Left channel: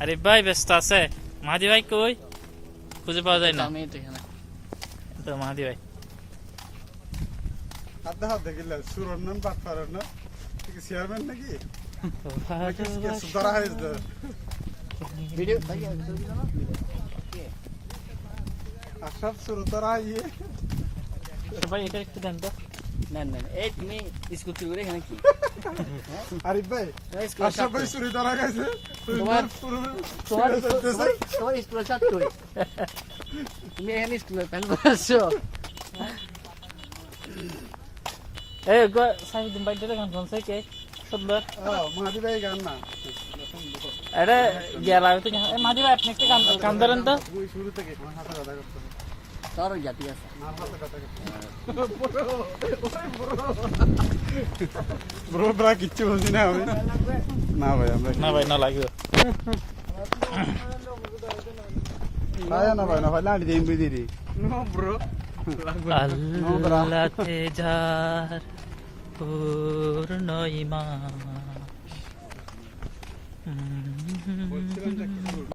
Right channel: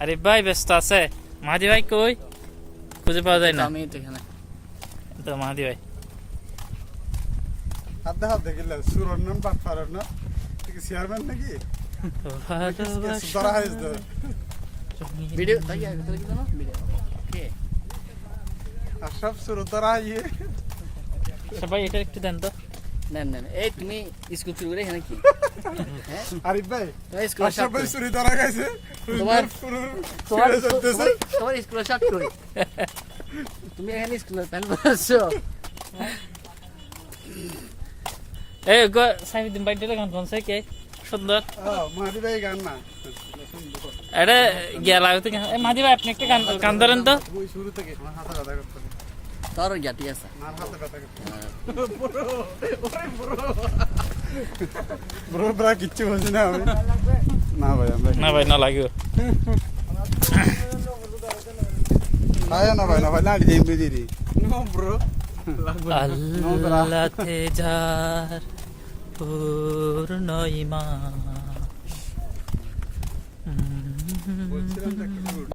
আরে ভাই ব্যস্ত আছে? মাহাদি ভাই কই? খুঁজে পাওয়া যায় না। আমি তো এখানে তো মাহাদি ভাই হাত দেখিলে সুরন্নন বাট পারন না ঠিক চেয়ারম্যান নাকি ধরা হয়েছে ভিডিও তাই আগে তো দিলাম ভিডিও ওকে আর সব সুর ধরা ইয়ে সবাই এটা একটু দেন তো। না না এই তুমি স্কুল শুরু করে এখানে কি আরিফ ভাই স্কুল আর সবাই সুরি ধরা গেছে তোমার তোমার তোমার স্কুল শার্ট কই তুমি এখানে স্কুলে প্যান্ট পরছো এই গো সাইফুদ্দিন ভাই এটা গান কোনছে কে সুন্দর মাহাদি ভাই গান না এটা গেলা হইতো মাহাদি ভাই আপনি একটা গান ধরেন তো। ওই শুরু থেকে আমার হাতে ব্যথা করতে তোর যা ঠিক আছে আমার হাতে ব্যথা করতে ব্রো ব্রা কিচ্ছু বলছি না আমি না ভাই আমরা না ভাই না লাগবে। আয় না ভাই না গেম বিজি নো ব্রো আল্লাহতে যার পূর্ণ ঈমান